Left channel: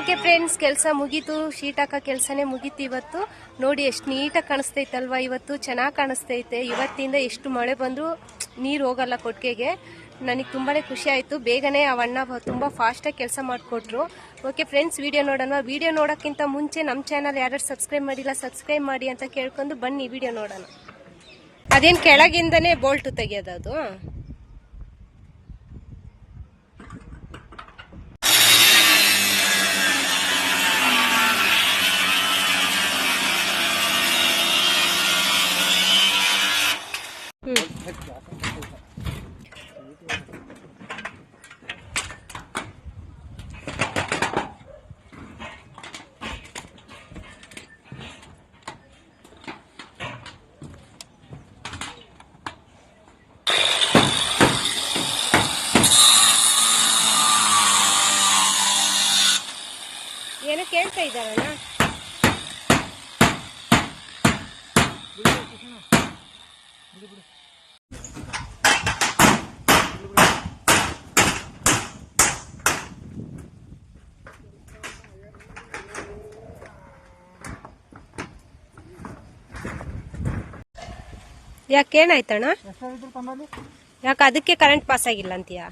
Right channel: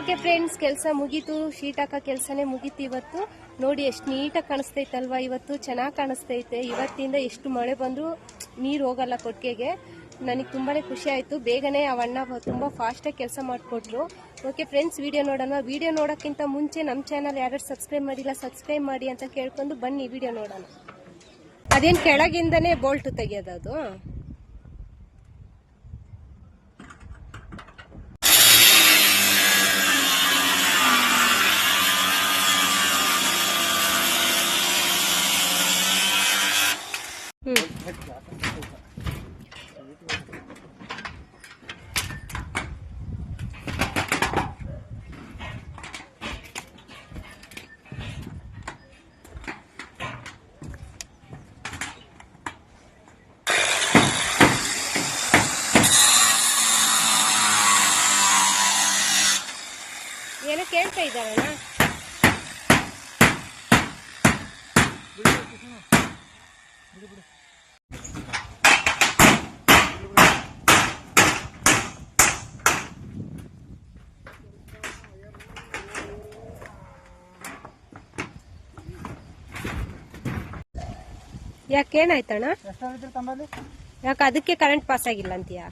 Okay friends, ಕೆಲಸ ಮುಗೀತು. Sheet ಹಾಕೋ ಕೆಲಸನೇ ಮುಗೀತು ಇವತ್ತು. ನೋಡಿ ಎಷ್ಟು ನೀಟಾಗಿ ಕಾಣಿಸ್ತೈತಲ್ವಾ. ಇವತ್ತು ಚೆನ್ನಾಗಿ ಕಾಣಿಸ್ತೈತೆ. ಇವತ್ತಿಂದ ಎಷ್ಟು ಮಳೆ ಬಂದರೂ ನೀರು ಹೋಗಲ್ಲ ಕೊಟ್ಟಿಗೆಗೆ. ನನಗೆ ತುಂಬಾ ಖುಷಿ ಆಯಿತು. ಬೇಗನೆ ಅವಣ್ಣ ತುಂಬ ಫಾಸ್ಟಾಗಿ ಕೆಲಸ ಮಾಡಿಕೊಟ್ರು. ಓಕೆ ಫ್ರೆಂಡ್ಸ್, ವಿಡಿಯೋ ನೋಡೋಣ. ವಿಡಿಯೋ ನೋಡೋಕ್ಕಿಂತ ಮುಂಚೆ ನಮ್ಮ ಚಾನಲ್ ಯಾರು ಸಬ್ಸ್ಕ್ರೈಬ್ ಮಾಡಿಲ್ಲ ಸಬ್ಸ್ಕ್ರೈಬ್ ಮಾಡಿ ಅಂತ ಕೇಳ್ಕೊಂಡು ಬನ್ನಿ ವಿಡಿಯೋ ನೋಡೋಣ. ಅದೇನು ಕೆಳಗಿಂದನೇ ಬೋಲ್ಟು ತೆಗೆಯೋದು? ಏನೋ ಕೇಳ್ತಾ ಇದ್ದಾರಣ್ಣ. ಯಾಕೇನಾಯ್ತಣ್ಣ? ಯಾಕೆ ಅದಕ್ಕೆ ಕರೆಂಟ್ ಪಾಸ್ ಆಗಿಲ್ಲ ಅಂತೀಯಾ?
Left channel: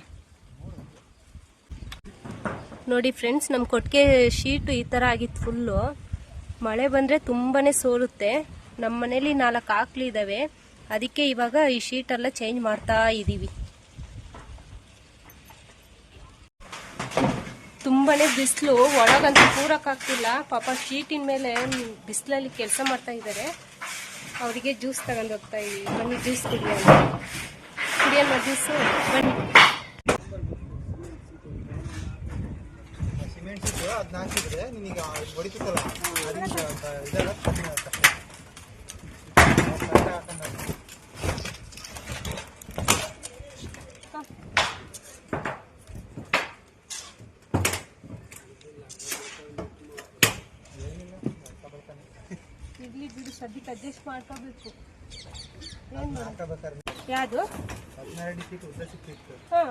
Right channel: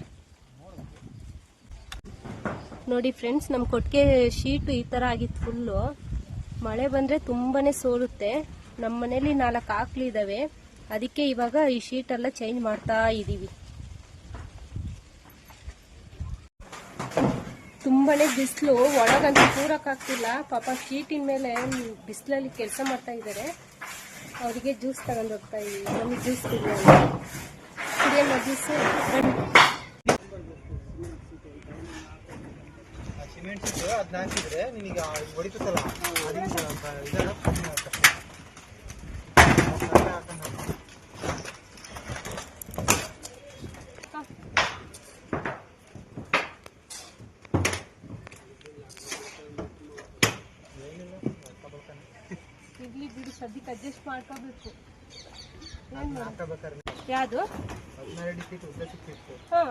ನೋಡಿ ಫ್ರೆಂಡ್ಸ್, ನಮ್ಮ ಕೊಟ್ಟಿಗೆ ಶೀಟು ಈ ಥರ ಆಗಿತ್ತು ಫುಲ್ಲು. ಮಳೆ ಬಂದರೆ ತುಂಬಾ ಸೋರುತ್ತೆ. ನಮ್ಮ ಮನೇಲಿ 4 ಆಕಳಿದ್ದಾವೆ. ಅದಕ್ಕೆ ಇವಾಗ ಈ ಶೀಟೆಲ್ಲ ಚೇಂಜ್ ಮಾಡ್ತಾ ಇದ್ದೀವಿ. ತುಂಬಾ ಬಿಸಿಲು, ಒಳಗಂತೂ ಕೂರಕ್ಕಾಗ್ತಿಲ್ಲ. ಪಾಪ ಶೀಟಿನ ಮೇಲೆ ಬಿಸಿಲಲ್ಲಿ ಕೆಲಸ ಮಾಡ್ತಾ ಇದ್ದಾರೆ. ಅವರಿಗೆ ಜ್ಯೂಸ್ ತಗೊಂಡು ಹೋಗ್ತಾ ಇದ್ದೀವಿ. ಬನ್ನಿ ಜ್ಯೂಸ್ ಕುಡಿಯೋಣ ಜ್ಯೂಸು ಬನ್ನಿ. ಅದನ್ನ ಹಾಕಿದ್ರೆ ನಿನಗೆ ಹೊಡಿತಲ್ಲ, ಇರ್ಲಿ ಬಿಡು, ಸದ್ಯಕ್ಕೆ ಅಡ್ಜಸ್ಟ್ ಮಾಡ್ಕೋಬೇಕು. ಯಾವುದು? ಹಾಂ,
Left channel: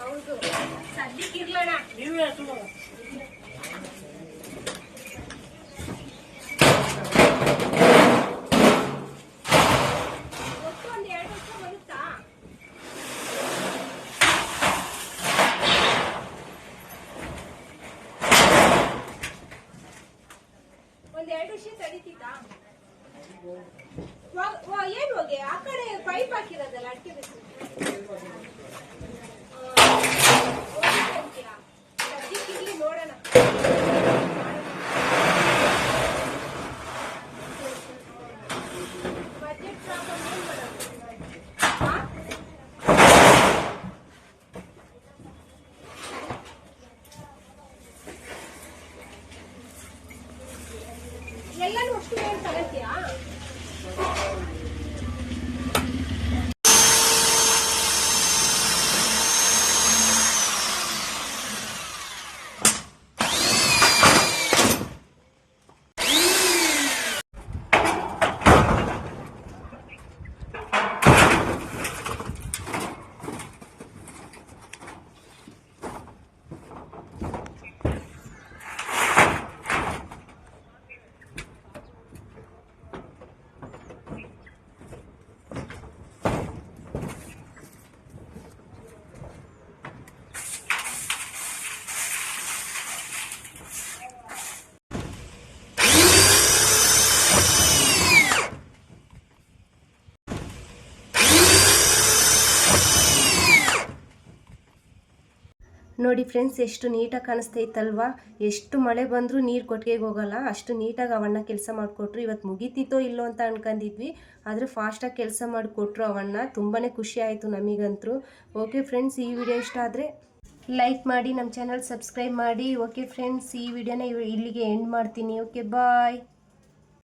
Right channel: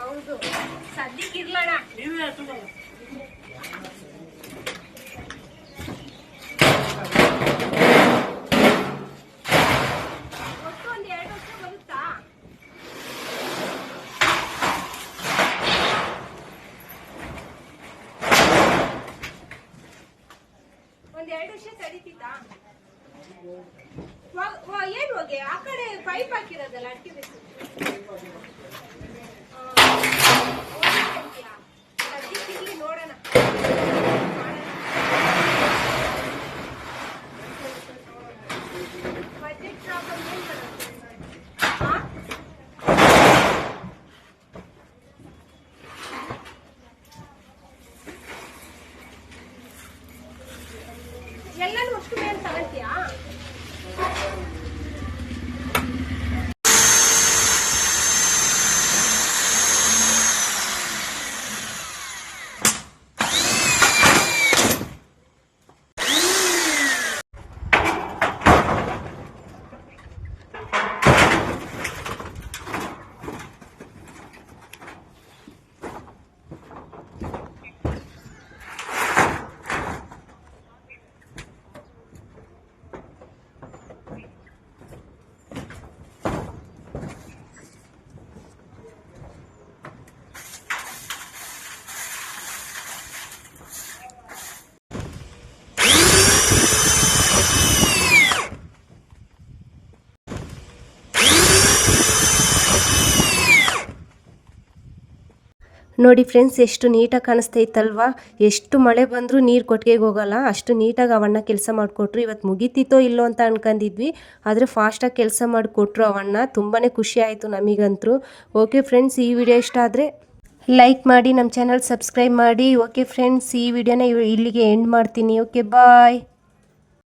ಹೌದು, ಸದ್ಯಕ್ಕೆ ಇರ್ಲಣ್ಣ. ಒಂದೆರಡು ವರ್ಷ ತಡೀತಿತ್ತಾ? ಏನು ಹೋಗಿ ಆ ಕಡೆ ಪೈಪ್ ಹಾಕಿರೋದಲ್ಲ ಅಡಿಕೆ ಬೇಕು. ಸದ್ಯಕ್ಕೆ ಇಲ್ಲಿ ನೋಡೋಣ. ಬಜೆಟ್ ಪ್ರಾಬ್ಲಮ್ ಏನು ಮಾಡೋದು? ಎಲ್ಲನೂ ಅಷ್ಟು ಏನು ತಗೊಂತೀಯಾ? ನೋಡಿ ಫ್ರೆಂಡ್ಸ್, ಎಷ್ಟು ನೀಟಾಗಿ ಕಾಣಿಸ್ತೈತಲ್ವಾ. ಎಷ್ಟು ಮಳೆ ಬಂದರೂ ನೀರು ಕೊಟ್ಟಿಗೆಗೆ ಹೋಗಲ್ಲ. ಅಷ್ಟು ನೀಟಾಗಿ ಅವಣ್ಣ ಕೆಲಸ ಮಾಡಿಕೊಟ್ರು. ಇವತ್ತು ಮುಗಿತಿತ್ತೋ ಇಲ್ಲೋ ಅಂತ ಅನ್ಕೊಂಡಿದ್ವಿ, ಆದರೆ ಫಾಸ್ಟಾಗಿ ಕೆಲಸ ಮಾಡಿಕೊಟ್ರು ಅವಣ್ಣ. ತುಂಬಾ ಖುಷಿ ಆಯಿತು ನಮಗಂತೂ. ಓಕೆ ಫ್ರೆಂಡ್ಸ್, ಈ ವಿಡಿಯೋ ಇಷ್ಟ ಆದರೆ ಲೈಕ್ ಮಾಡಿ, ನಮ್ಮ ಚಾನಲ್ ಸಬ್ಸ್ಕ್ರೈಬ್ ಮಾಡಿ. ಓಕೆ ಫ್ರೆಂಡ್ಸ್, ಈ ವಿಡಿಯೋನ ಇಲ್ಲಿಗೆ ಎಂಡ್ ಮಾಡ್ತೀನಿ. ಓಕೆ ಬಾಯ್.